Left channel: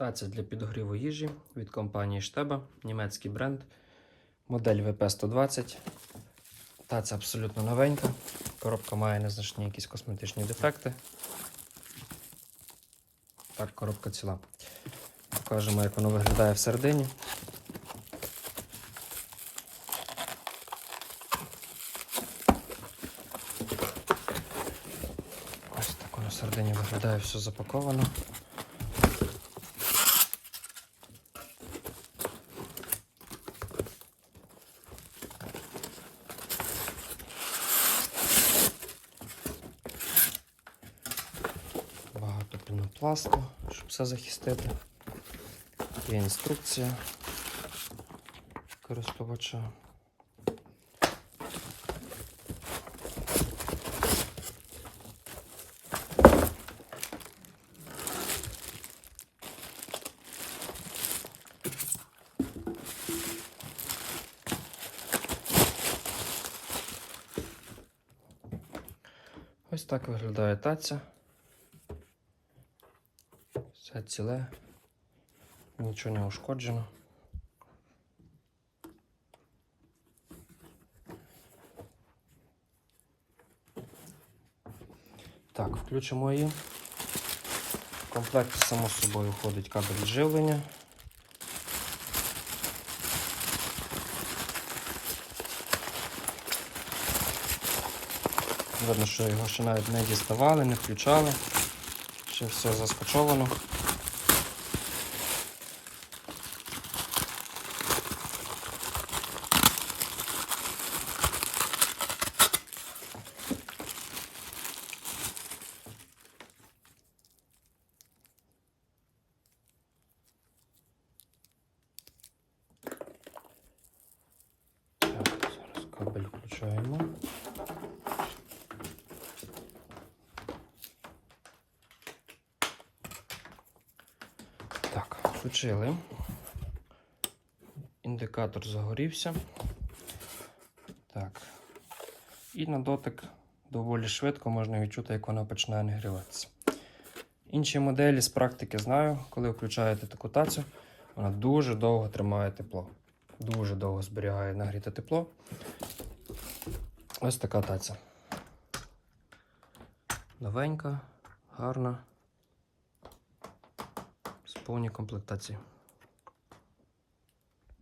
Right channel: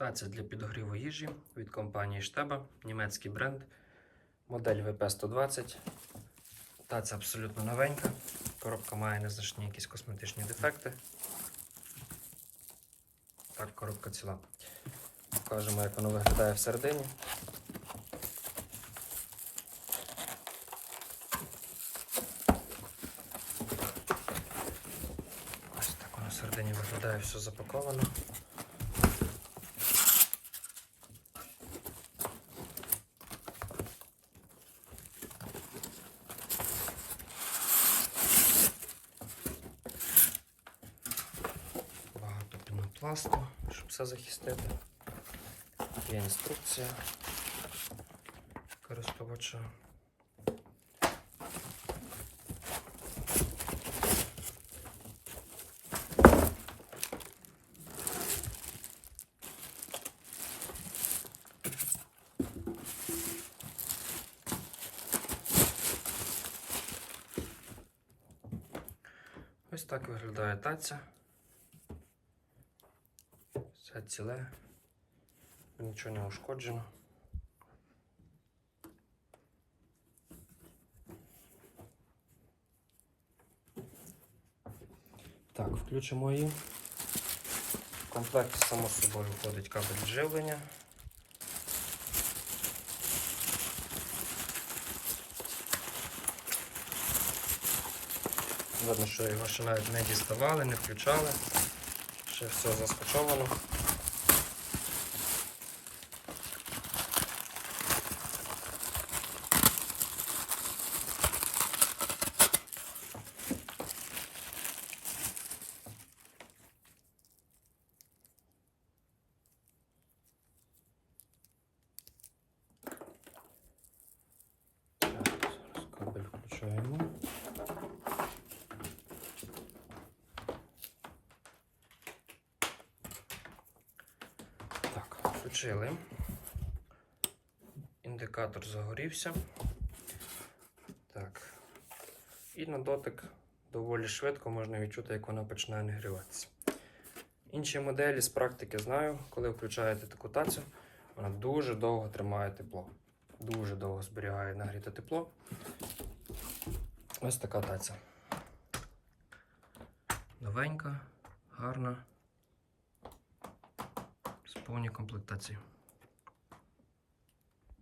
Таця для підогріву їжі від компанії Штеба, німецький бренд, модель VP120. Таця абсолютно новенька. Коробка має незначні якісь косметичні дефекти. Так, коробка ціла. Покажемо, як воно виглядає всередині. Ось так воно всередині виглядає все запаковано. Пінопласту, щоб все захистити. Є інструкція користувача. Ось так виглядає таця. Все ціле, нічого не ушкоджено. Так, включимо її. В комплекті само собою входить кабель живлення. Видно, що його ще навіть не діставали, не включали. Все заскочовано. Так, зараз кабель включаємо. Так, включили. Індикатор загорівся. Так. І на дотик доволі швидко можна відчути, як вона починає нагріватися. Інші моделі з практики знаю, коли включаєте таку тацю, вона дуже довго тримає тепло. Дуже довго зберігає нагріте тепло. Ось така таця. Новенька, гарна, повній комплектації.